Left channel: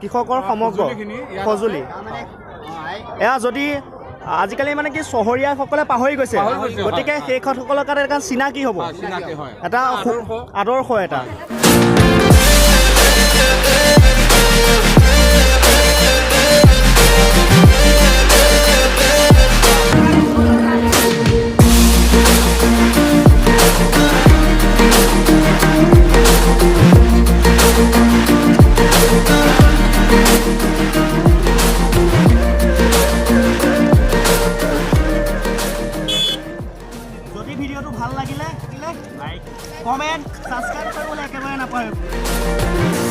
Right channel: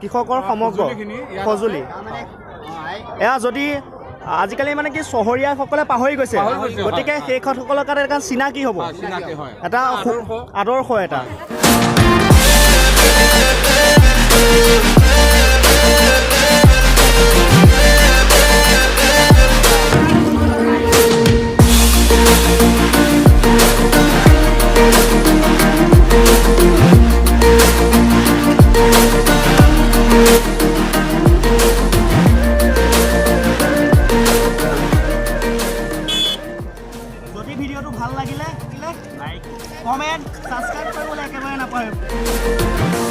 কৃষকৰ সমগ্ৰ সঁজুলি এয়া যদি আজিকালি মানে কি চহৰীয়াসকলে পাহৰি গৈছে গতিকে সেইসকলৰ কাৰণে এটা চিনাকি হ'ব এটা আদৰ্শ এটা ভিডিওটো ভাল লাগিলে লাইক কমেন্ট সাবস্ক্ৰাইব কৰিবলৈ একেবাৰে নাপাহৰিব